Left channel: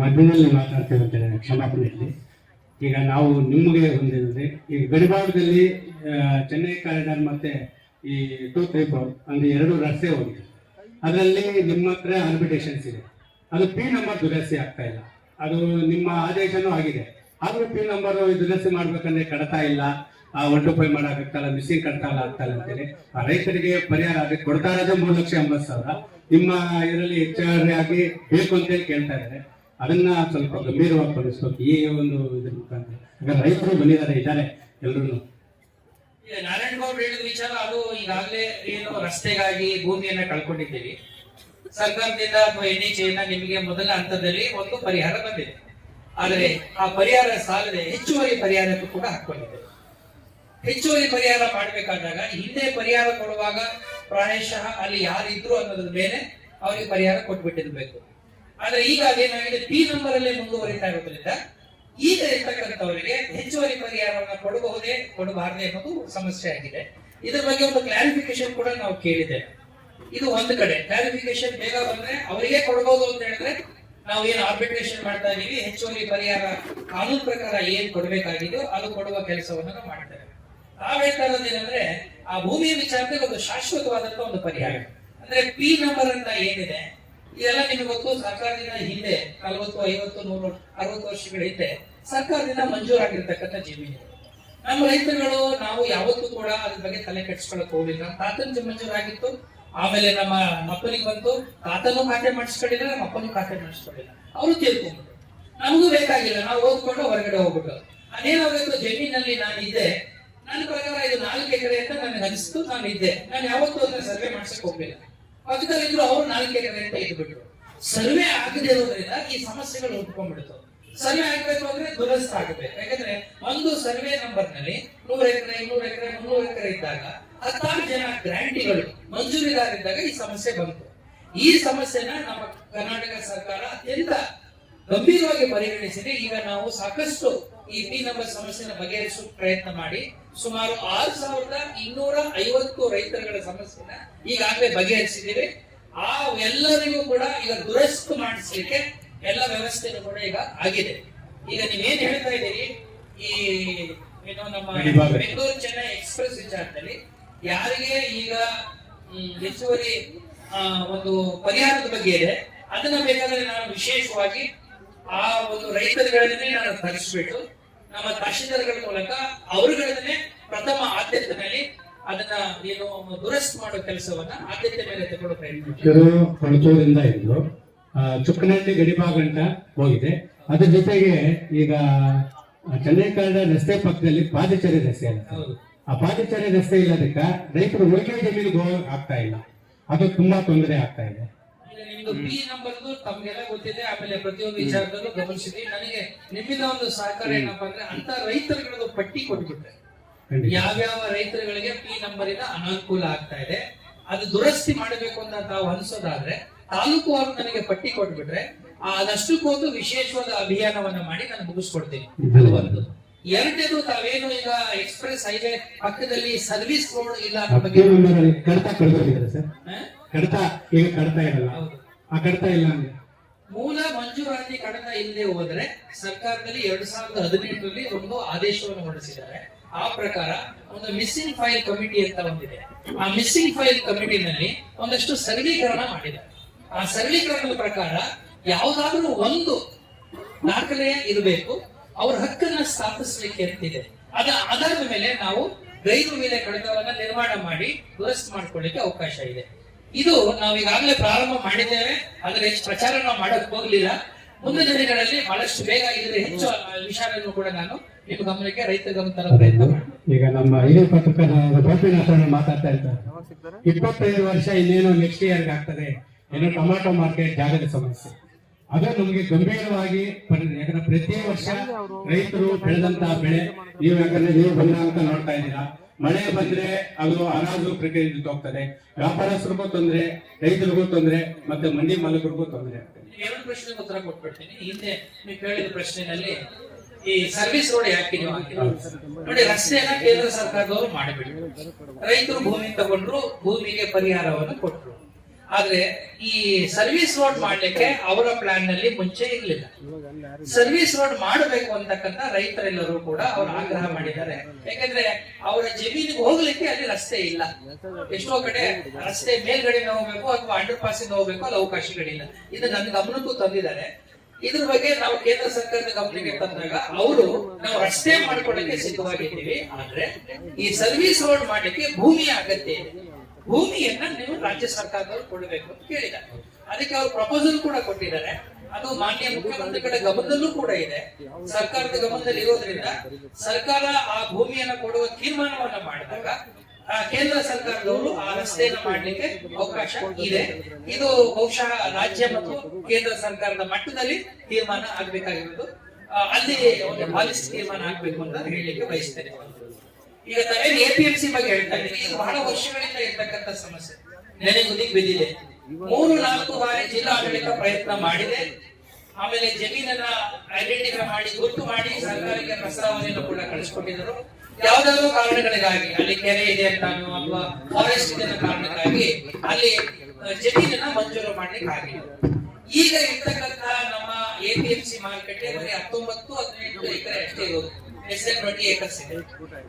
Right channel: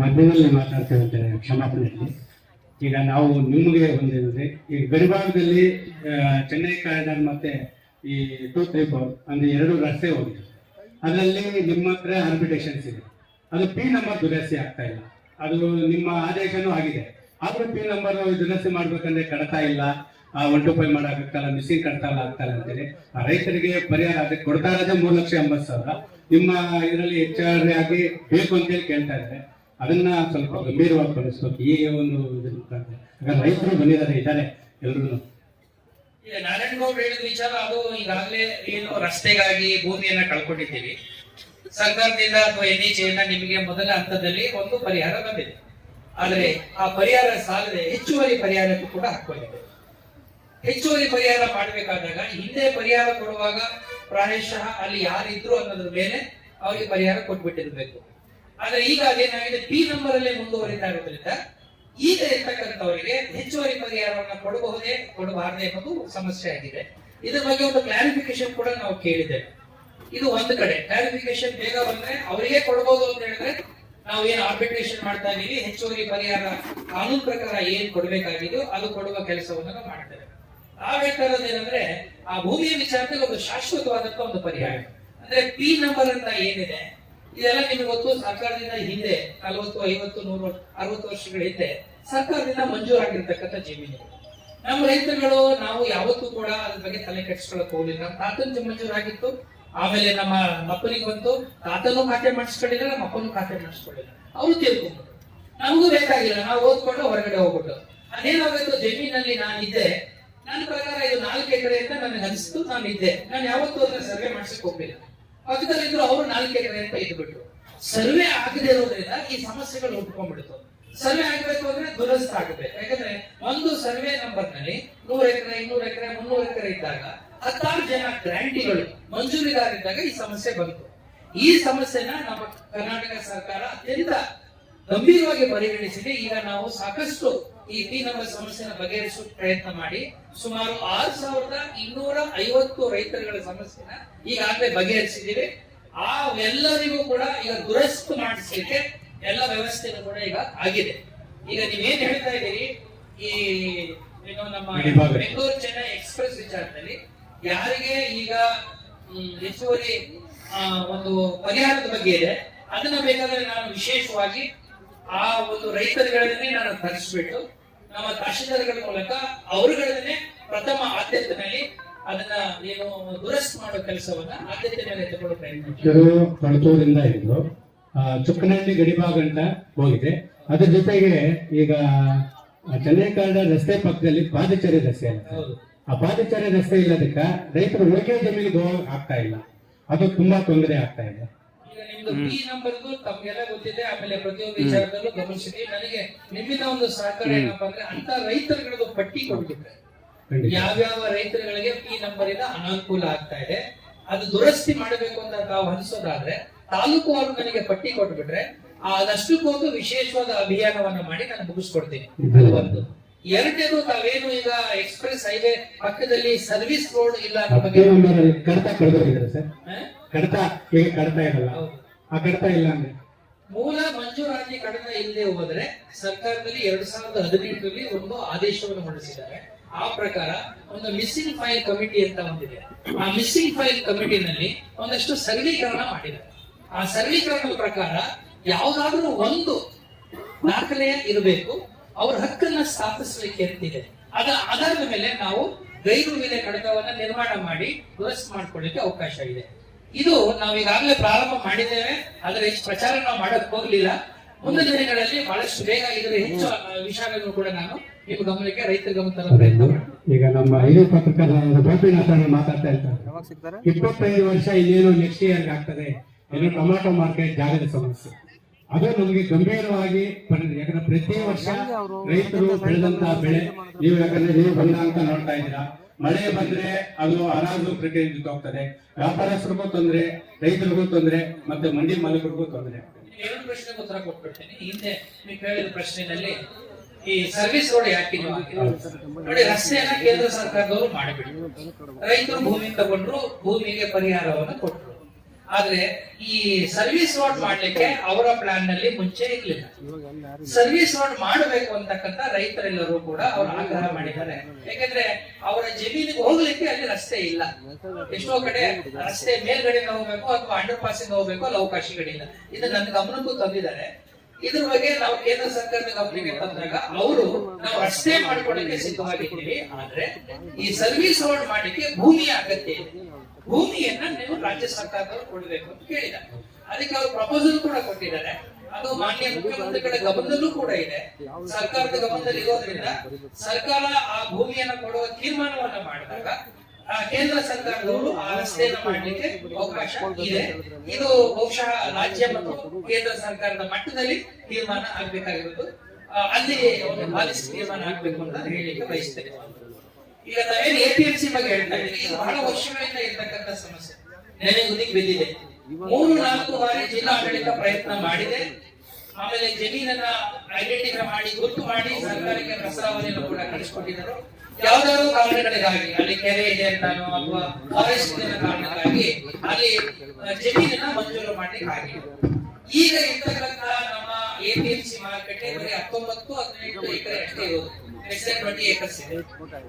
ಮಧ್ಯದಲ್ಲಿ ಮಾತಾಡ್ತೇವೆ ಕ್ಷಮಾಪಣೆಯಲ್ಲಿ. ಈಗ ನಾವು ನಿಮಗೆ ಹೊಂದಿದ್ರೆ ಈ ಗಡಿಭಾಗದಲ್ಲಿ ಚೆನ್ನೈ ಕಾರಿಡಾರ್ ಮತ್ತೆ ಈ 234 ಅಂದ್ರೆ 2 ರಸ್ತೆ ಹೋಗಿದೆ. ಅದರಲ್ಲಿ ನಿಮ್ಮ ಹತ್ರ ಆರ್ಬಿಟೇಷನ್ಸ್ ಇದೆ. ಅದು ಪಿ ನಂಬರ್ ದುರಸ್ತಿ ಆಗ್ತಾ ಇಲ್ಲ. ಅದು ನಿಮ್ಮ ಆದೇಶನೂ ಆಗಿದೆ. ಆದ್ರೂ ಪಿ ನಂಬರ್ ದುರಸ್ತಿ ಮಾಡ್ಬೇಕಂದ್ರೆ ಕಡತ ಇಲ್ಲ, 125 ಮಾಡಕ್ಕಾಗಲ್ಲ, ಮಿಸ್ಸಿಂಗ್ ಕಡತ ಆಗ್ತಾ ಇಲ್ಲ ಅಂತೇಳಿ ರೈತರಿಗೆ ಪರಿಹಾರ ಅದಕ್ಕೆ ಕೊಡ್ತಾ ಇರೋದೇ 3,80,000. ನಿಮ್ಮ ಇದರಲ್ಲಿ ಹೆಚ್ಚುವರಿ ಆಗಿ ಬೇಕು ಅಂತೇಳಿ ಕೇಳ್ತಾ ಇದ್ದಾರೆ. ಅದನ್ನ ಸ್ವಲ್ಪ ಗಂಭೀರವಾಗಿ ಪರಿಸ್ಬೇಕು ಈ ಒಂದು ಇದ್ರ ಮುಖಾಂತರ. ರೈತರು ಇದ್ದಾರೆ ಎಲ್ರು. ನಾರಾಯಣಗೌಡರು ಹೇಳಿದ ವಿಚಾರ ಅದು ಈಗಾಗಲೇ ಏನು ರಸ್ತೆಗಾಗಿ ಭೂಮಿಯನ್ನ ಕಳ್ಕೊಂಡಿದ್ದೀವಿ. ಸರ್ಕಾರದಿಂದ ಅಥವಾ NHAಯಿಂದ ನಿಮಗೆ ಮೊದಲ ಹಂತದಲ್ಲಿ ಒಂದು ಪರಿಹಾರ ಬಂದಿದೆ. ಆದರೆ ಆ ಪರಿಹಾರ ಸಾಲದೆ ಹೆಚ್ಚುವರಿ ಪರಿಹಾರಕ್ಕೂ ಕೂಡ ಹಾಕೊಂಡಿದೆ. ಹೆಚ್ಚುವರಿ ಪರಿಹಾರ ಮಾಡಬೇಕಾದಾಗ ಹಿಂದೆ ಪರಿಹಾರ ಕೊಡುವಾಗ ಪ್ರಾಯಶಃ ಅಲ್ಲಿ ಯಾರಿದ್ರು ಅನ್ನೋದ್ರ ಮೇಲೆ ಅವರಿಗೆ ಪರಿಹಾರ ಕೊಟ್ಬಿಟ್ಟಿರ್ಬೇಕು. ಆದ್ರೆ ಈಗ ಅದೇನಾಗಿದೆ, ಪಿ ನಂಬರ್ ಅಲ್ಲಿ ಮುಂದುವರಿತಾ ಇರೋದ್ರಿಂದ ಈಗ ಇರ್ತಕ್ಕಂಥವರಿಗೆ ಹೆಚ್ಚುವರಿ ಪರಿಹಾರವನ್ನು ಕೊಡಬಹುದೇ ಕೊಡಬಾರದೆ ಅನ್ನೋದು ಸಮಸ್ಯೆ ಆಗಿದೆ. ಇದ್ರ ಬಗ್ಗೆ ಒಂದು ಕ್ಲಾರಿಫಿಕೇಶನ್ ಕೂಡ ನಾವು ಕೇಳಿದ್ದೇವೆ. ಇದು ಒಂದು ಕಡೆ ಕ್ಲಾರಿಫಿಕೇಶನ್ ಬೇಗ ಬಂದ್ರೆ ಅವರಿಗೆ ಕೊಡಬಹುದು ಅಂತ ಹೇಳಿದ್ರೆ ನಾವು ಏನು ಆರ್ಬಿಟ್ರೇಷನ್ ಮಾಡ್ತಾ ಇದೀವಿ, ಹೆಚ್ಚುವರಿ ಪರಿಹಾರ ಕಾನೂನು ಪ್ರಕಾರ ಏನ್ ಕೊಡಬೇಕಾಗಿದೆಯೋ ಅದು ಕೊಡುವ ಕೆಲಸವನ್ನು ನಾವು ಮಾಡ್ತೇವೆ. ನಾವೇನಂದ್ರೆ ಆ ಭೂಮಿಯ ವಿಚಾರದಲ್ಲಿ ಒಂದು ಶಾಶ್ವತವಾದಂತ ಒಂದು ಪರಿಹಾರ ಅಂದ್ರೆ ಪಿ ನಂಬರ್ ಅಂತ ಏನಿದೆ, ಇದೆಲ್ಲ ನಿಮ್ಗೆ ಗೊತ್ತು. ಸರ್ಕಾರದಿಂದ ಹಿಂದೆ 40, 50, 100, 60 ವರ್ಷಗಳ ಹಿಂದೆ ಸರ್ಕಾರದಿಂದ ಮಂಜೂರಾಗಿರ್ತಕ್ಕಂಥ ಜಮೀನು. ನಮ್ಮ ರೈತರುಗಳು ನಾವು ಯಾವತ್ತೂ ಕೂಡ ಅದ್ರ ಬಗ್ಗೆ ತಲೆ ಕೆಡಿಸ್ಕೊಳಕ್ ಹೋಗಿಲ್ಲ. ತಾತನ ಮಂಜೂರಾಗಿತ್ತು, ಆಮೇಲೆ ನಮ್ಮ ಮಕ್ಕಳಿಗೆ ಬಂತು, ತಾತನೂ ಖಾತೆ ಮಾಡಿಸ್ಕೊಂಡಿಲ್ಲ, ನಮ್ಮ ಅಪ್ಪನೂ ಖಾತೆ ಮಾಡಿಸ್ಕೊಂಡಿಲ್ಲ. ಅವರು ತಿಳ್ಕೊಂಡು ನಮಗೂ ಬೇಕಾಗಿಲ್ಲ, ನಾವು ಓದ್ಕೊಂಡು ಹೊರಗಡೆ ಹೋಗ್ಬಿಟ್ಟು ಅದೇನಾಗಬೇಕು, ಜಮೀನಲ್ಲಿ ನಾನಿದ್ದೆ, ನನ್ನ ಪ್ರಕಾರ ಇದು 4 ಎಕರೆ ಅಂತ ನನಗೆ ಅನಿಸ್ತು, ನಾನಿದ್ದೆ, ನಾನು ಯಾವತ್ತೂ ಅದನ್ನ ಸರ್ವೆ ಮಾಡಿಸಕ್ ಹೋಗ್ಲಿಲ್ಲ. ಪಕ್ಕದಲ್ಲಿದ್ರು ಅವರು 4 ಎಕರೆ ಅಂತ ಇದ್ಬಿಟ್ರು. ಸರ್ವೆ ಆಗದೆ ಇರೋದ್ರಿಂದ ಈ ಸಮಸ್ಯೆಗಳು ಉಟ್ಕೊಂಡ್ಬಿಡ್ತು. ಸರ್ವೆ ಆಗಬೇಕು ಅಂದ್ರೆ ದುರಸ್ತ ಆಗಬೇಕು. ಯಾಕಂದ್ರೆ ಒಂದು ಸರ್ವೆ ನಂಬರ್ ನಲ್ಲಿ 100 ಎಕರೆ, 200 ಎಕರೆ, 300 ಎಕರೆ ಇದ್ದಾಗ 16 ಜನ ಗ್ರಾಂಟಿಗಳು ಮಂಜೂರಿದಾರಿದ್ದಾಗ ಈ ಸಮಸ್ಯೆ ಬಂತು. ಈ ಸಮಸ್ಯೆನ ನಮ್ಮ ಕರ್ನಾಟಕ ಸರ್ಕಾರ ಅತ್ಯಂತ ಗಂಭೀರವಾಗಿ ಪರಿಗಣಿಸಿದೆ. ಈಗ ನಾವು ಸಾಕಷ್ಟು ಈ ಪಿ ನಂಬರ್ ಸಮಸ್ಯೆನ ಬಗೆಹರಿಸುವ ಪ್ರಯತ್ನ ಮಾಡಿ ಸುಮಾರು 6,250 ರೈತರುಗಳ ಸಮಸ್ಯೆನ ಈಗಾಗಲೇ ಬಗೆಹರಿಸಿದ್ದೀವಿ. ಆ ಎಲ್ಲರಿಗೂ ಕೂಡ ಈಗ ದುರಸ್ತು ಮಾಡಿಸ್ಲಿಕ್ಕೆ ಎಲ್ಲ ವ್ಯವಸ್ಥೆನೂ ಕೂಡ ಈಗ ಆಗಿದೆ. ಈಗ ನೀವೇನ್ ಹೇಳ್ತಾ ಇದ್ದೀರಿ, ಈ ಏನು ನಮ್ಮ ಬೆಂಗಳೂರು ಚೆನ್ನೈ ಎಕ್ಸ್ಪ್ರೆಸ್ ವಿಚಾರದಲ್ಲಿ ಯಾರಿಗೆ ಈಗ ಹೆಚ್ಚುವರಿ ಒಂದು ಪರಿಹಾರದ ಬಗ್ಗೆ ಇದೆ, ಅದನ್ನ ಬೇಕಾದ್ರೆ ನಾನು ವಿಶೇಷವಾಗಿ ಆ ಒಂದು ರೈತರುಗಳನ್ನೇ ನಾನು ತರಿಸ್ಬಿಟ್ಟು ನಮ್ಮ ತಹಶೀಲ್ದಾರ್ಗಳ ಮೂಲಕ ಅವರುಗಳನ್ನೇ ಪ್ರಥಮ ಆದ್ಯತೆಯಲ್ಲಿ ಅದನ್ನ ಏನು ದುರಸ್ತು ಮಾಡೋ ಕೆಲಸವನ್ನ ಆದ್ಯತೆ ಮೇಲೆ ತಗೊಳ್ಳೋ ಪ್ರಯತ್ನ. ಕೊಳತೂರಿಂದ ಇದ್ದು ಚುಕ್ಕನಹಳ್ಳಿ ಗಡಿಭಾಗ ಅಂತ ಹೋಗಿದೆ. ಅದ್ರ ಜೊತೆಗೆ ಈಗ ಚೆನ್ನೈ ಕಾರಿಡಾರ್ ರಸ್ತೆ ಪಕ್ಕದಲ್ಲಿ ಪಾದಚಾರಿ ರಸ್ತೆ ಅಂತ. ಆ ಪಾದಚಾರಿ ರಸ್ತೆ ಇಲ್ಲದಕ್ಕ ರೈತರು ಉಳಿಕೆ ಜಮೀನಿಗೆ ಹೋಗಕ್ ಆಗ್ತಾ ಇಲ್ಲ. ಅದು ತುಂಬಾ ತೊಂದರೆ ಆಗ್ತಾ ಇದೆ. ಈ ನಂಬರ್ದು ತಮ್ಗೆಲ್ಲ ಗೊತ್ತಿದೆ. ಆಮೇಲೆ ಪ್ರತಿಯೊಂದು ವಿಚಾರದಲ್ಲೂ ಗಮನಿಸಿದ್ವಿ. ನನಗೆ ನಿಮ್ಮಿಂದ ಒಂದು ಸಹಕಾರ ಏನಪ್ಪಾ ಅಂದ್ರೆ ಅಂತ ರೈತರುಗಳದ್ದು ಪಟ್ಟಿ ಕೊಟ್ಬಿಟ್ರೆ ಯಾವ್ಯಾವ ರೈತರುಗಳಿಗೆ ಪಿ ನಂಬರ್ ಇಂದ ಅನಾನುಕೂಲ ಆಗ್ತಾ ಇದೆ, ಅದು ದುರಸ್ತಿ ಮಾಡಬೇಕು ಅಂತ ತಾವು ಅನ್ಸೋದಾದ್ರೆ ತಾಲೂಕು ಅವರು ನನಗೆ ಪಟ್ಟಿ ಕೊಟ್ಬಿಟ್ರೆ ಅದಷ್ಟಕ್ಕೊಂದು ವಿಶೇಷವಾದ ಅಭಿಯಾನವನ್ನ ಮಾಡಿ ನಾನು ಮುಗಿಸ್ಕೊಡ್ತೀನಿ. ಅದು ಒಂದು. ಎರಡನೇದು, ತಾವೇನು ಈಗ ಎಕ್ಸ್ಪ್ರೆಸ್ ಹೈವೇ ಪಕ್ಕದಲ್ಲಿ ಸರ್ವಿಸ್ ರೋಡ್ ಇಲ್ಲ ಮೂಲ ಮಂಜೂರಾತಿ ಕಡತ ಇಲ್ಲದೆ ಹೋದ್ರೆ ಸರ್ಕಾರದಲ್ಲಿ 2018ರಲ್ಲಿ ಒಂದು ಆದೇಶವನ್ನು ಹೊರಡಿಸಿದ್ದಾರೆ. ಆ ಪ್ರಕಾರ ಒಂದು ಮಿಸ್ಸಿಂಗ್ ಫೈಲ್ ಕಮಿಟಿ ಅಂತ ಒಂದಿದೆ. ಆ ಮಿಸ್ಸಿಂಗ್ ಫೈಲ್ ಕಮಿಟಿನಲ್ಲಿ ಒಂದಷ್ಟು ಸರ್ವೀಕರಣ ಮಾಡಿದ್ದಾರೆ. ಆ ಸರ್ವೀಕರಣದ ಪ್ರಕಾರ ಯಾವುದಾದ್ರೂ ಒಂದು ದಾಖಲೆ ಇರಬೇಕು, ಅವ್ರ ಹಕ್ಕನ್ನ ಸ್ಥಾಪಿಸಲಿಕ್ಕೆ ಇರ್ತಿದೆ. ಅದರ ಆಧಾರದ ಮೇಲೆ ನಾವು ಗೈರು ಮೇಲೆ ಕಡತವನ್ನ ನಿರ್ಮಾಣ ಮಾಡಿ ದುರಸ್ತು ಮಾಡ್ಕೊಳ್ಳಿಕ್ಕೆ ಅವಕಾಶ ಇದೆ. ಇದು ನಾವು ಈಗಾಗಲೇ ಪ್ರಾರಂಭ ಮಾಡಿದ್ದೇವೆ. ಅದರ ಹೆಚ್ಚು ಪ್ರಚಾರ ನಾವು ಮಾಡಕ್ ಹೋಗ್ಲಿಲ್ಲ. ಮುಂದಿನ ದಿನಗಳಲ್ಲಿ ಬಹಳಷ್ಟು ಬೇಗ ಇದರ ಹೆಚ್ಚು ವಿಷಯಗಳನ್ನು ಕೂಡ ನಾನು ನಿಮ್ಮ ಗಮನಕ್ಕೆ ರೈತರ ಗಮನ ಪ್ರಯತ್ನ ಮಾಡ್ತೀನಿ. ಈಗ ನಮ್ಮ ಹಿರಿಯ ಪತ್ರಕರ್ತರ ಗೋಪಿನಾಥ ಮಾತಾಡ್ತಾ ಇರ್ತಾರೆ, 25 ವರ್ಷ ಇನ್ನೇನು ನೆಕ್ಸ್ಟ್ ಇಯರ್ ಆಗ್ತದೆ, ಏನೋ ಟೊಮ್ಯಾಟೊ ಮಾರ್ಕೆಟ್ ಜಾಗದ ಸಮಸ್ಯೆ ಅದು ನಮಗೆ ಗಂಭೀರವಾಗಿ. ಯಾಕಂದ್ರೆ ಪ್ರತಿ ವರ್ಷ ರೈತರು ಬೆಳೆದಂತಹ ಬೆಳೆ ನೀವು ಬಂದಂತ ನೋಡ್ತಾ ಇದ್ದೀರಾ. ಮಳೆ ಬಂದ್ರೆ ಅದು ಹರಾಜು ಪ್ರಕ್ರಿಯೆಗೆ ಹೋಗ್ತದೆ, ವ್ಯಾಪಾರಸ್ಥರಿಗೂ ತೊಂದರೆ, ರೈತರಿಗೂ ತೊಂದರೆ, ಮತ್ತೆ ಮಂಡಿ ಮಾಲೀಕರಿಗೂ ತೊಂದರೆ. 2 ಪ್ರಶ್ನೆಗೆ ಉತ್ತರ ಕೊಟ್ಬಿಡ್ತೀನಿ. ಹಿಂದೆ ನೀವು ಕೇಳಿದ ಪ್ರಶ್ನೆಯಲ್ಲಿ ಈ ಸರ್ವಿಸ್ ರೋಡ್ ಯಾಕೆ ನೋಡಿ, ರಸ್ತೆಯನ್ನ ಕೇಂದ್ರ ಸರ್ಕಾರದವರು ಮಾಡಿಬಿಟ್ಟು ರೈತರು ಭೂಮಿ ತಗೊಂಡ್ರು, ಭೂಮಿಗೆ ಪರಿಹಾರವನ್ನು ಕೊಟ್ಟರು. ಆದ್ರೆ ಈ ಸರ್ವಿಸ್ ರೋಡ್ ಮಾಡ್ಲಿಕ್ಕೆ ಅವರ ಪ್ಲಾನ್ ನಲ್ಲಿ ಮುಂಚೆ ಇರ್ಲಿಲ್ಲ. ಸರ್ವಿಸ್ ರೋಡ್ ಮಾಡಬೇಕು ಅಂತಕ್ಕಂಥ ರೈತರೆಲ್ಲರೂ ಕೂಡ ಅವರು ಆಗ್ರಹ ಮಾಡಿದ್ದಾರೆ. ಯಾಕಂದ್ರೆ ಅವರ ಜಮೀನಿಗೆ ಹೋಗ್ಲಿಕ್ಕೆ ಅಲ್ಲಿ ರಸ್ತೆ ಇಲ್ಲ. ಎಷ್ಟೋ ಕಡೆ ರಸ್ತೆ ಮೇಲ್ಗಡೆ ಹೋಗ್ಬೇಕು ಅಥವಾ ಅಂಡರ್ ಪಾಸಿಂಗ್ ಹೋಗ್ಬೇಕು, ಅಲ್ಲಿ ಅವಕಾಶಗಳಿಲ್ಲ. ಇದು ನನ್ನ ಗಮನಕ್ಕೂ ತಂದಿದ್ದಾರೆ. ಇದ್ರ ಬಗ್ಗೆ ನಾವು ಕೇಂದ್ರ ಸರ್ಕಾರದ ಗಮನಕ್ಕೆ ತಂದಾಗ ಅವರು ನಾವು ರಸ್ತೆ ಮಾಡ್ಕೊಳ್ಳಿಕ್ಕೆ ಸಿದ್ಧವಾಗಿದ್ದೀವಿ, ಆದ್ರೆ ಈ ಸರ್ವಿಸ್ ರೋಡ್ ಮಾಡ್ಲಿಕ್ಕೆ ಭೂಮಿಯ ಅಗತ್ಯ ಇದೆ. ಭೂಮಿಯನ್ನ ನೀವು ರಾಜ್ಯ ಸರ್ಕಾರದವರು ಕೊಡಬೇಕು ಅಂತ ಕೇಳಿದ್ದಾರೆ. ಅದಕ್ಕೆ ಅವರು ಪ್ರಪೋಸಲ್ ಕೂಡ ಕೊಟ್ಟಿದ್ದಾರೆ. ಅದು ಮಾನ್ಯ ಮುಖ್ಯಮಂತ್ರಿಗಳ ಗಮನದಲ್ಲೂ ಕೂಡ ಇದೆ. ಸರ್ಕಾರದ ಗಮನದಲ್ಲಿ ಇರೋದ್ರಿಂದ ಸರ್ಕಾರ ಆ ಭೂಮಿಯನ್ನ ಕೊಡುವ ತೀರ್ಮಾನವನ್ನ ಮಾಡಿದಾಗ ಕೇಂದ್ರ ಸರ್ಕಾರದವರು ಆ ರಸ್ತೆಯನ್ನು ಮಾಡಲಿಕ್ಕೆ ಅವಕಾಶ ಇದೆ. ಇದು ಬಹುಶಃ ರಾಜ್ಯ ಮತ್ತು ಕೇಂದ್ರ ಸರ್ಕಾರದ ಮಟ್ಟದಲ್ಲಿ ತೀರ್ಮಾನ ಆಗ್ಬೇಕಾಗಿರೋದು. ಅಲ್ಲಿ ಒಂದು ಪಾಲಿಸಿ ತೀರ್ಮಾನ ಆಗ್ಬೇಕು ಅಂತ ಹೇಳಲಿಕ್ಕೆ ಬಯಸ್ತೇನೆ. ಈಗ ತಾವೇನು APMC ಬಗ್ಗೆ ಹೇಳ್ತಾ ಇದ್ದೀವಿ, ಇದು ಬಹಳ ವರ್ಷಗಳಿಂದ ಇರ್ತಕ್ಕಂಥ ಸಮಸ್ಯೆ. ನೆನೆಗುದಿಗೆ ಬಿದ್ದಿದೆ. 3-4 ಬಾರಿ ಜಿಲ್ಲಾಡಳಿತ ಪ್ರಯತ್ನ ಮಾಡಿದೆ. ಆಮೇಲೆ ಜಮೀನನ್ನ ಐಡೆಂಟಿಫೈ ಮಾಡಿ ಗುರುತು ಮಾಡಿ ಸರ್ಕಾರಕ್ಕೆ ಪ್ರಸ್ತಾವನೆಯನ್ನು ಕೂಡ ಕಳಿಸಿಕೊಟ್ಟಿದ್ದರು. ಯಾವ್ದಾದ್ರು ಕಾರಣಗಳಿಗಾಗಿ, ಅಲ್ಲಿ ಕೆರೆ ಇದೆ ಅಂತಾನೋ ಅಥವಾ ಫಾರೆಸ್ಟ್ ಇದೆ ಅನ್ನೋ ಕಾರಣಕ್ಕಾಗಿ ಅಲ್ಲಿ ಜಮೀನನ್ನ ಮಂಜೂರು ಮಾಡ್ಲಿಕ್ಕೆ ಆಗಿಲ್ಲ. ಈಗ ಇರ್ತಕ್ಕಂಥ ನಮ್ಮ APMC ಮಾರುಕಟ್ಟೆ 19-18 ಎಕರೆ ಅಷ್ಟೇ ಇರೋದು. 20 acres ಇದೆ.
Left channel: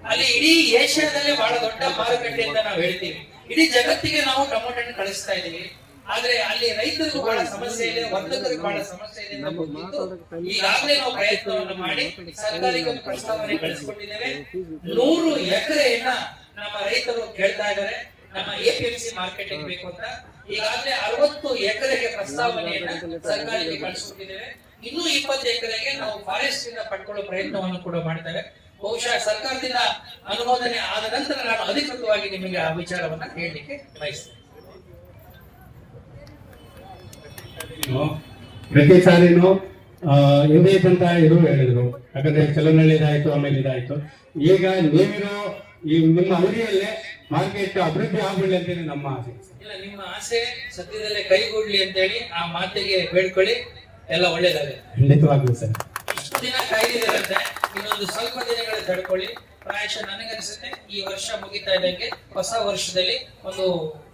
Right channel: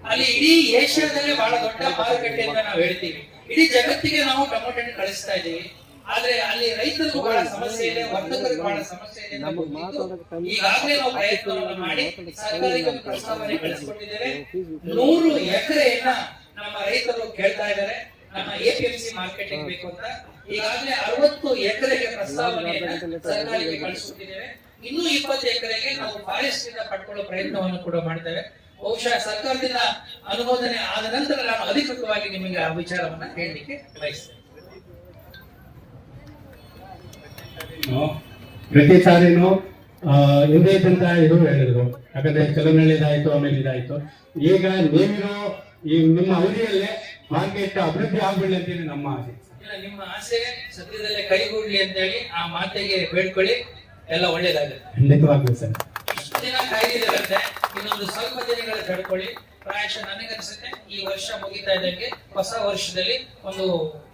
ಅಲ್ಲಿ ಇಡೀ ಏಷ್ಯಾದಲ್ಲೇ ಬಹಳ ದೊಡ್ಡ ಮಾರುಕಟ್ಟೆ ಅಂತ ನಾವು ಹೇಳ್ತೀವಿ. ಇಡೀ ಜಗತ್ತಿಗೆ ನಾವು ಟೊಮೊಟೊ ಕಳಿಸ್ತಾ ಇದ್ದೀವಿ. ಆದ್ರೆ ಅಲ್ಲಿ ರೈತರು ಬಹಳ ಸಮಸ್ಯೆ ಇದೆ, ವರ್ತಕರಿಗೆ ಬಹಳ ಸಮಸ್ಯೆ ಇದೆ. ಈಗಾಗಲೇ ನಾವು ಪ್ರಯತ್ನವನ್ನು ಮಾಡಿ ಸರ್ಕಾರಕ್ಕೆ ಒಂದು ಪ್ರಸ್ತಾವನೆ ಕಳಿಸಿಕೊಟ್ಟಿದ್ದೇವೆ. 100 ಎಕರೆಯನ್ನ ನಮ್ಮ ರೈತರು ಕೇಳ್ತಾ ಇದ್ದಾರೆ ನಮ್ಮ APMC ಮಾರ್ಕೆಟಿಂಗ್ ಬೇಕು ಅಂತ. ಈಗಾಗಲೇ 60 ಎಕರೆಗೆ ಪ್ರಸ್ತಾವನೆಯನ್ನ ಸರ್ಕಾರಕ್ಕೆ ಕಳಿಸಿಕೊಟ್ಟಿದ್ದೇವೆ. ಇನ್ನೂ 20 ಎಕರೆಗೆ ನಾವು ಫಾರೆಸ್ಟ್ ಇಂದ ಪಡ್ಕೊಳ್ಳೋ ಪ್ರಯತ್ನವನ್ನು ಕೂಡ ಮಾಡ್ತೇವೆ. ಬಹುಶಃ ಸರ್ಕಾರದಿಂದ ಅನುಮೋದನೆ ಆದ ನಂತರ ನಾನು ಅಧಿಕೃತವಾಗಿ ನಿಮಗೆ ಆ ವಿಚಾರವನ್ನ ಹೇಳಲಿಕ್ಕೆ ಬಯಸ್ತೇನೆ. ಪ್ರತಿ ಸಾರಿನೂ ಅಂತ ಇವರು ಹೇಳಿದ್ರು. ಯಾಕಂದ್ರೆ ಚಲನಳ್ಳಿದಾಯ್ತು, ಆಮೇಲೆ ಇದಾಯ್ತು. ಈಗ ನೀವಿರೋ ಈ ನಿಮ್ಮ ಅವಧಿಯಲ್ಲೇ ಮಾರ್ಕೆಟ್ ಅಭಿವೃದ್ಧಿ ಆಗ್ಬಿಡಲಿ ಅಂತೇಳಿ ನಮ್ಮ ಆಸೆ. ನಿಮ್ಮ ಆಸೆ ಸದ್ಯದಲ್ಲೇ ಕೈಗೂಡ್ಲಿ ಅಂತೇಳಿ ಆ ಮಾತಿಗೆ ಬೇಡ್ಕೊಳ್ಳಿ. ಎಲ್ಲ ಒಳ್ಳೇದಾಗುತ್ತೆ. ಖಂಡಿತವಾಗ್ಲೂ ಸರ್. ಇಷ್ಟು ದಿನ ಕಾಯ್ದಿರಂತೆ ಇನ್ನೊಂದು ಸ್ವಲ್ಪ ದಿನಗಳು ತಡ್ಕೊಳ್ಳಿ. ಪ್ರಾಯಶಃ ನನಗನ್ಸುತ್ತೆ ಈ ವರ್ಷ ಮುಗಿತಾ ಇದ್ದಂಗೆ ಹೊಸ ವರ್ಷದಲ್ಲಿ ಒಂದು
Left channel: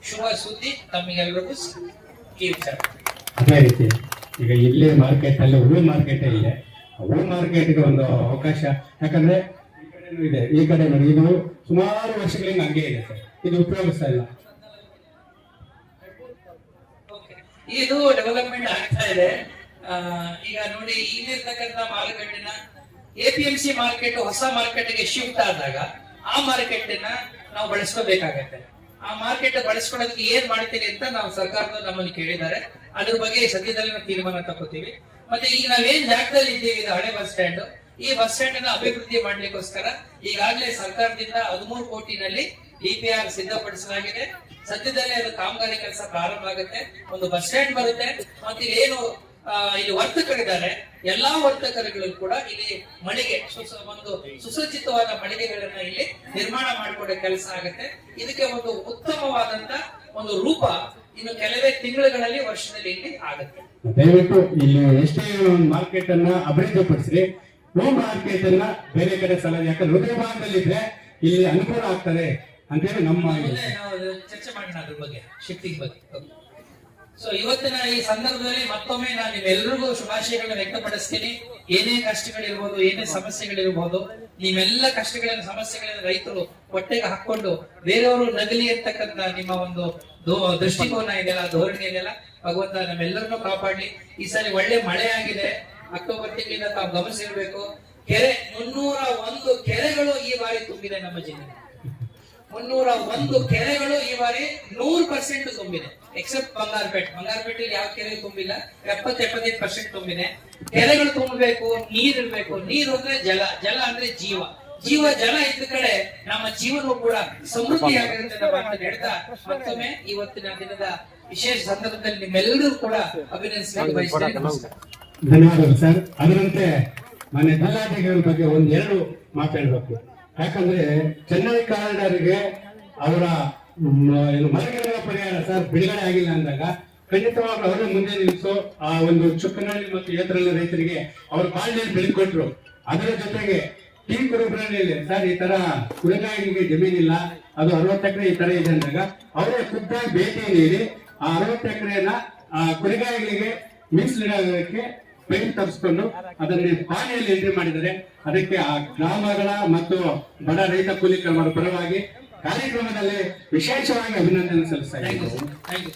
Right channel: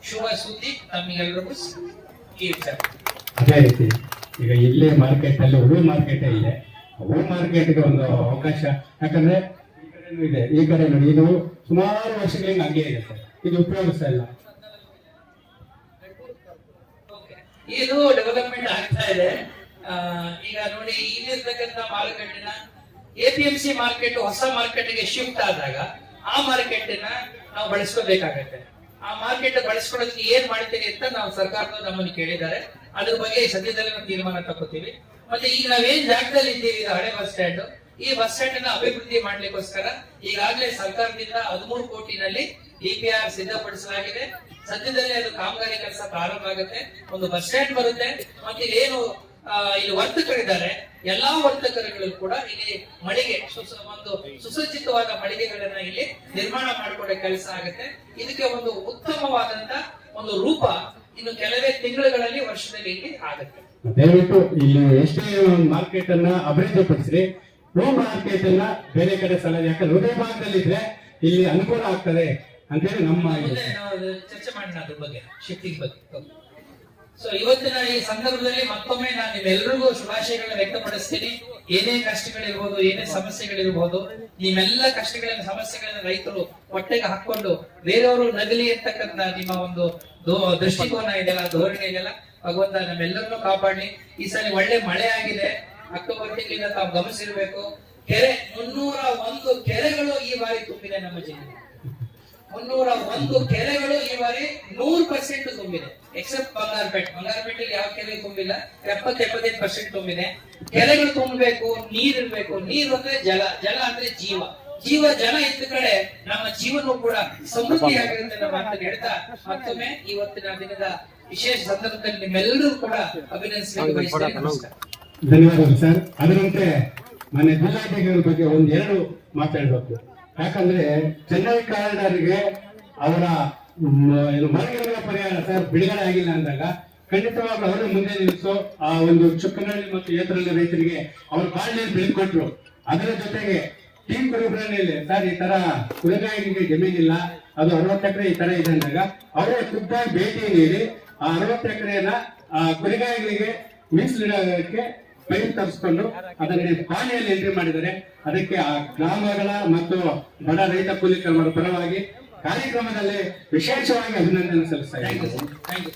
ಶುಭ ಸುದ್ದಿ ತಮಗೆಲ್ಲರಿಗೂ ಈ ವಿಚಾರ. ಅದೇ ರೀತಿ ಈಗ ಇಲ್ಲೇ ಮಾರ್ಕೆಟ್ ಅಲ್ಲಿ ಹೂವು ಮಾರ್ಕೆಟ್ ಇದೆ, ಹೂವು ಮಾರ್ಕೆಟ್ಗೆ ಒಂದು ಅವಕಾಶ. ಯಾಕಂದ್ರೆ ಇದೆ ಈ ಕಡೆ ನೋಡಿ, ಇದು ಸುಮಾರು ವರ್ಷಗಳಿಂದ ಹಂಗೆ ಇದೆ ಸರ್, ಇದು ಉಪಯೋಗಿಸ್ತಾ ಇಲ್ಲ. ಇದು ಡೆವಲಪ್ಮೆಂಟ್ ಆಗ್ತಾ ಇದೆ. ಈಗ ನೋಡಿ, ಇಲ್ಲಿರ್ತಕ್ಕಂಥ ಮಾರುಕಟ್ಟೆನ APMC ಮಾರ್ಕೆಟ್ ಹೊಸ ಮಾರ್ಕೆಟ್ಗೆ ಶಿಫ್ಟ್ ಆದಾಗ ಆ ಮಾರ್ಕೆಟ್ ನಾವು ಬಳಸ್ಕೋಬೇಕಾಗತ್ತೆ. ಆ ಮಾರ್ಕೆಟ್ ಬಳಸ್ಕೊಳ್ಳೋದಕ್ಕೆ ಏನ್ ಮಾಡ್ತೀರಿ ಅಂತ ನಾವು ಸರ್ಕಾರದ ನಮ್ಮನ್ನು ಕೇಳಿದ್ದಾರೆ. ಅದ್ರ ಬಗ್ಗೆ ಸದ್ಯದಲ್ಲಿ ನಾವು ತೀರ್ಮಾನ ತಗೋತೀವಿ. ಮತ್ತೆ ಈಗ ನಾವೇನ್ ಜಾಗದಲ್ಲಿ ಇದ್ದೀವಿ, ಇದು ಹಳೆ ಬಸ್ ಸ್ಟ್ಯಾಂಡ್. ಈ ಬಸ್ ಸ್ಟ್ಯಾಂಡ್ ಅನ್ನ ಅಭಿವೃದ್ಧಿ ಮಾಡ್ಲಿಕ್ಕೋಸ್ಕರ ಈಗಾಗಲೇ ಸರ್ಕಾರದಿಂದ 13 ಕೋಟಿನಲ್ಲಿ DPR ಸಿದ್ಧಪಡಿಸಲಾಗಿದೆ. ಸದ್ಯದಲ್ಲೇ ಅದು ಕಾಮಗಾರಿ ಕೆಲಸ ಪ್ರಾರಂಭವಾಗುತ್ತೆ. ಒಂದು ಬಸ್ ಸ್ಟ್ಯಾಂಡ್ ಬರುತ್ತೆ. ಮತ್ತೆ ಏನು ಇಲ್ಲಿ ವರ್ತಕರಿದ್ದಾರೆ, ಎಲ್ಲಾ ವರ್ತಕರುಗಳು ಕೂಡ ಇಲ್ಲಿ ಮಳಿಗೆ ಒಂದು ಸುಸಜ್ಜಿತವಾದ ಮಳಿಗೆಗಳನ್ನ ಇಲ್ಲಿ ನಿರ್ಮಾಣ ಮಾಡಿಕೊಡೋ ಕೆಲಸ ಆಗುತ್ತೆ. ಇದಕ್ಕೆ ಒಂದು ಉತ್ತಮವಾದಂತ ಒಂದು ರೂಪ ಇನ್ನು ಕೆಲವೇ ತಿಂಗಳುಗಳಲ್ಲಿ, ವರ್ಷದಲ್ಲಿ ಇಲ್ಲಿ ಆಗುತ್ತೆ. ದಯವಿಟ್ಟು ಇಲ್ಲಿ ಎಷ್ಟೇ ಮಾರ್ಕೆಟ್ ಅನ್ನ ಅಭಿವೃದ್ಧಿಪಡಿಸಿ, ಹೂ ಮಾರ್ಕೆಟ್ ಅನ್ನ ಬೇರೆ ಕಡೆ ಸಲ, ಯಾಕಂದ್ರೆ ಹೃದಯ ಭಾಗದಲ್ಲಿದ್ರೆ ಇಲ್ಲಿ ಅನುಕೂಲ ಆಗ್ತದೆ ಅಂತೇಳಿ ನಮ್ಮ ಚರ್ಚೆ ಮಾಡೋಣ ಅದ್ರ ಬಗ್ಗೆ, ಶಿಫ್ಟಿಂಗ್ ಬಗ್ಗೆ. ಸೊ ಇವತ್ತಿನ ಈ ಸಂದರ್ಭದಲ್ಲಿ ಮತ್ತೊಮ್ಮೆ ನಾನು ನಿಮ್ಮೆಲ್ಲರಿಗೂ ಶುಭಾಶಯಗಳನ್ನ ವ್ಯಕ್ತಪಡಿಸ್ತೀನಿ. ಏನೇ ಕಷ್ಟಗಳಿರ್ಬೋದು, ಏನೇ ಸಮಸ್ಯೆಗಳಿರ್ಬೋದು, ನಿಮ್ಮೆಲ್ಲ ಕಷ್ಟಗಳನ್ನ ಸಮಸ್ಯೆಗಳನ್ನ ರೈತರು ಹೊಟ್ಟೆಗೆ ಹಾಕೊಂಡು ಬೇರೆಯವರು ನಗಲಿ ಅಂತಕ್ಕಂಥ ನಿಮ್ಮ ಒಂದು ದೃಷ್ಟಿಕೋನ ಇದೆಯಲ್ಲ, ಧೋರಣೆ ಇದೆಯಲ್ಲ, ಭಗವಂತ ನಮ್ಮೆಲ್ಲರನ್ನೂ ಕಾಪಾಡಲಿ. ಈ ಸಲ ಒಳ್ಳೆ ಮಳೆ ಆಗಿದೆ. ಅಕ್ಟೋಬರ್ ತಿಂಗಳಿಂದ ತಾವು ಗಮನಿಸಿರ್ಬೇಕು. ಕೆರೆ 301 ಕೆರೆಗಳು ಈ ಬಾರಿ ತುಂಬಿದೆ ನಮ್ಮ ಜಿಲ್ಲೆ. 301 ಕೆರೆಗಳು ಈ ಬಾರಿ 100% ತುಂಬಿದೆ. ಎಕ್ಸೆಪ್ಟ್ ಬಂಗಾರಪೇಟೆ ಯಾವ ಕೆರೆ ತುಂಬಿಲ್ಲ, 70-75% ತುಂಬಿದೆ. ಕೆರೆಗಳು ತುಂಬಬೇಕು, ನೀರಿರ್ಬೇಕು. ನೀರು ಅಂದ್ರೆ ಜಲ, ಜಲ ಅಂದ್ರೆ ಜೀವ. ಜಲ ಇದ್ದ ಕಡೆ ನಮ್ಮ ಜೀವನವು ಕೂಡ ಸಮೃದ್ಧಿಯಾಗಿರುತ್ತೆ ಅಂತ ಹೇಳ್ತಾ ಮತ್ತೊಮ್ಮೆ ಇವತ್ತಿನ ದಿನದ ವಿಶೇಷ ಸಂದರ್ಭದಲ್ಲಿ ನಿಮ್ಮೆಲ್ಲರೂ ಕೂಡ ಅಭಿನಂದಿಸಬೇಕು ಬಯಸ್ತೇನೆ. ನಮಸ್ಕಾರ. ಧನ್ಯವಾದಗಳು ಸರ್. ಅದರಂತೆ ಮನೆ ಜಿಲ್ಲಾಧಿಕಾರಿಗಳ ಬಗ್ಗೆ ಒಂದೆರಡು ಮಾತಾಡಬೇಕು. ಯಾಕಂದ್ರೆ ಚೆನ್ನೈ ಕಾರಿಡಾರ್ಗೆ ಅವರ ಮರಗಳ ಪರಿಹಾರ ಸರ್ ಬಿಡುಗಡೆ ಆಗಿಲ್ಲ ಅಂದಾಗ ಖಂಡಿತವಾಗಿ ಅವರು ಮುಂದೆ ನಿಲ್ಲಿಸೋ ಆ ಒಂದು ಚುಕ್ಕನಹಳ್ಳಿ ಮತ್ತು ಏತರಳ್ಳಿ ರೈತರಿಗೆ ಅವ್ರ ಬಾಳ್ನಲ್ಲಿ ಬೆಳೆಕೊಟ್ರು. ಅದರ ಜೊತೆಗೆ ಟೀಮ್ ಕುರುಬರಲ್ಲಿ ಸರ್ ಈ ತರ ಕುಲನಾಯಕರಿಗೆ ಜಮೀನಿಲ್ಲ, ಅದು 60 ಎಕರೆ ಈ ತರ ಇದೆ ಅಂದಾಗ ಅವರೇ ಖುದ್ದಾಗಿ ಭೇಟಿ ನೀಡಿ ಆ 60 ಎಕರೆಯನ್ನ ಕುರಿಗಾಯಿಗಳಿಗೆ ಮೀಸಲಿಡೋದಕ್ಕೆ ಪೈಪ್ ತರಿಸ್ಕೊಂಡು ಅದರಲ್ಲಿ ಹಾನಿಯಲ್ಲಿ ಎಂಟ್ರಿ ಮಾಡಿದರೆ ಅದಕ್ಕೆ ಆ ಗ್ರಾಮಗಳ ಮತ್ತು ಬಡ ರೈತ ಕೂಲಿ ಕಾರ್ಮಿಕರ ಪರವಾಗಿ ಕಾರ್ಯಕ್ರಮದಲ್ಲಿ ವಿಶೇಷವಾಗಿ ಅಭಿನಂದನೆ ಸಲ್ಲಿಸ್ತಾ ಥ್ಯಾಂಕ್ ಯು ಇದ್ದೀನಿ. Sir, thank you.